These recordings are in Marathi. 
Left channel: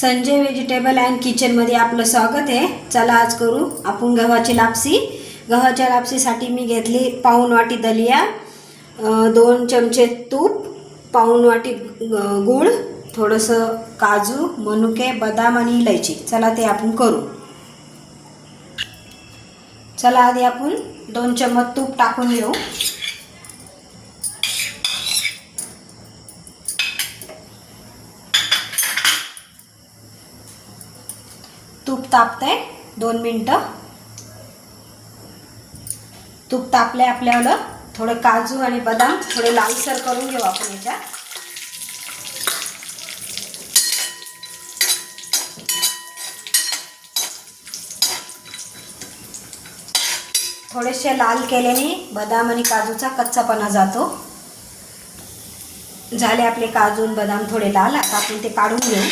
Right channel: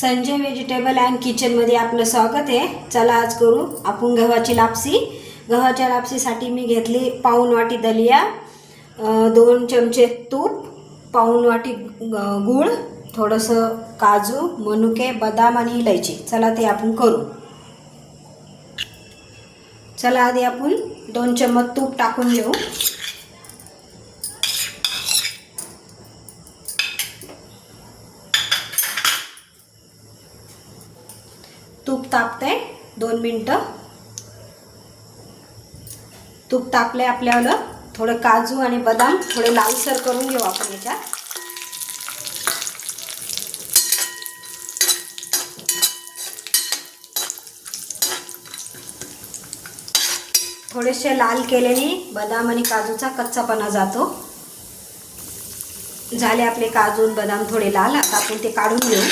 संजय व्हेजिटेबल अँड किचनमध्ये आपलं स्वागत आहे. चला आज करू आपण गव्हाची लापसी. गव्हाच्या लापसीसाठी मी घेतली पाऊण वाटी दलिया दोन चमचे तूप पाऊण वाटी ग- गूळ थोडंसं काजू मनुके बदाम आणि इलायची. चला ते आपण करू. चला आधी आपण दोन चम्मच तूप टाकून घेऊ. तूप तापतंय. दोन मिनटं. तूप तापले आपल्याला. थोडं काजू आणि बदाम थोडे लालसर करून घेऊ आपण याच्यात. थोडेसे लाल केल्याने बदाम आणि काजूचा कच्चापणा जातो. झाले आपले काजू आणि बदाम थोडे लाल. आता आपण ते काढून घेऊ.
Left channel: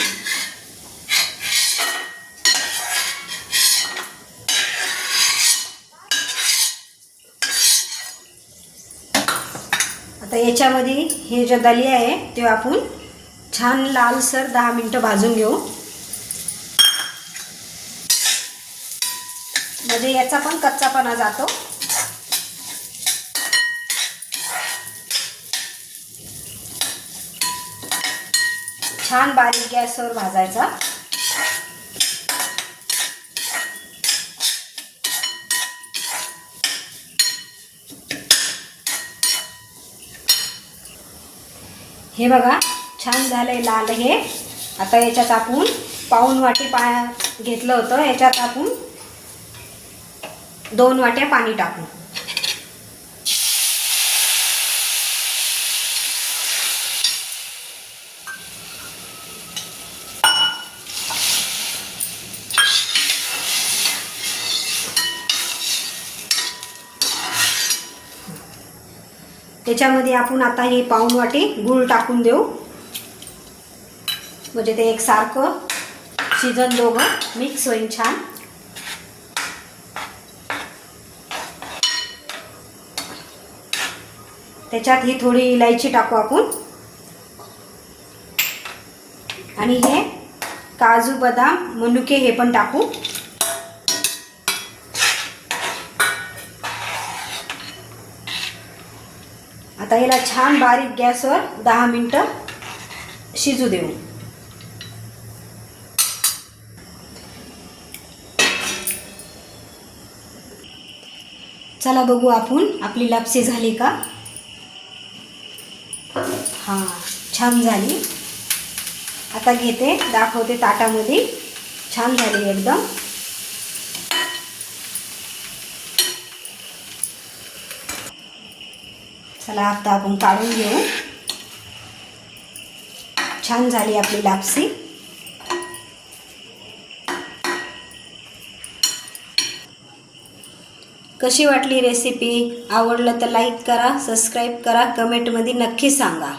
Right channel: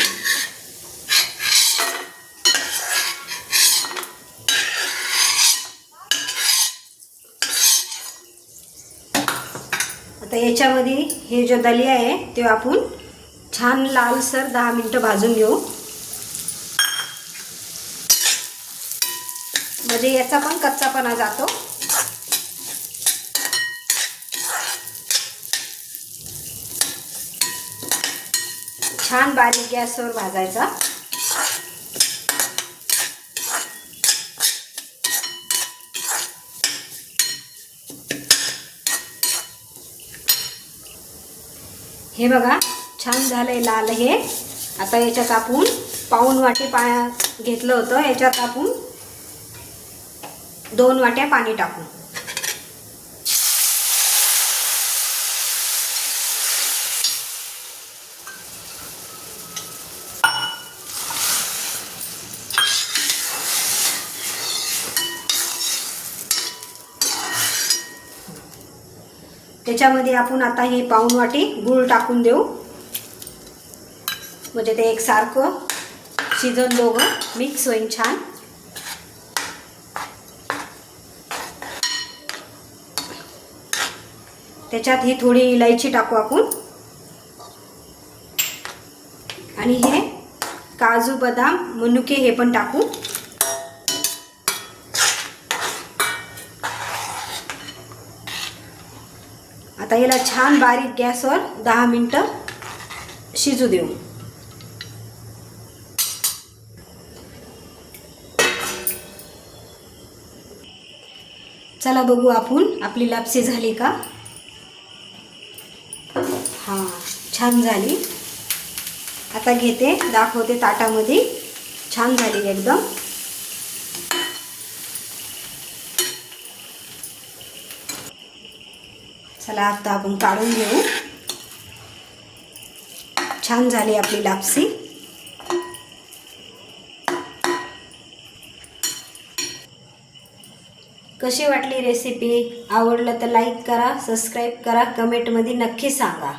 आता याच्यामध्ये हे जो दलिया आहे ते आपण छान लालसर दहा मिनटं भाजून घेऊ. मध्ये याचा पण कच्चापणा जातो. छान बारीक गॅसवर भाजायचा. हे बघा छान झालंय लाल हे. आता याच्यात आपण पाऊन वाटी पा घेतलं होतं. याच्यात आपण दोन वाट्या पाणी टाकू. त्याच्यामध्ये आपण आता ही पाऊन वाटी गूळ टाकून देऊ. म्हणजे ते एकसारखं शिजन दोघं. मिक्स होईल छान. त्याच्यात ही थोडी इलायची टाकू आपण. आणि हे काजू बदाम मनुके हे पण टाकू. आता ह्याला छान बारीक गॅसवर दहा मिनटं शिजू देऊ. चला बघू आपण आपली लापसी झाली का? हां छान झाली. आता घेते दाखवते ताटामध्ये. छान झाली एकदम. चला आता आपण काढून घेऊ. छान झाली आपली लापसी. कशी वाटली रेसिपी आवडलं तर लाईक करा सबस्क्राईब करा कमेंटमध्ये नक्की सांगा.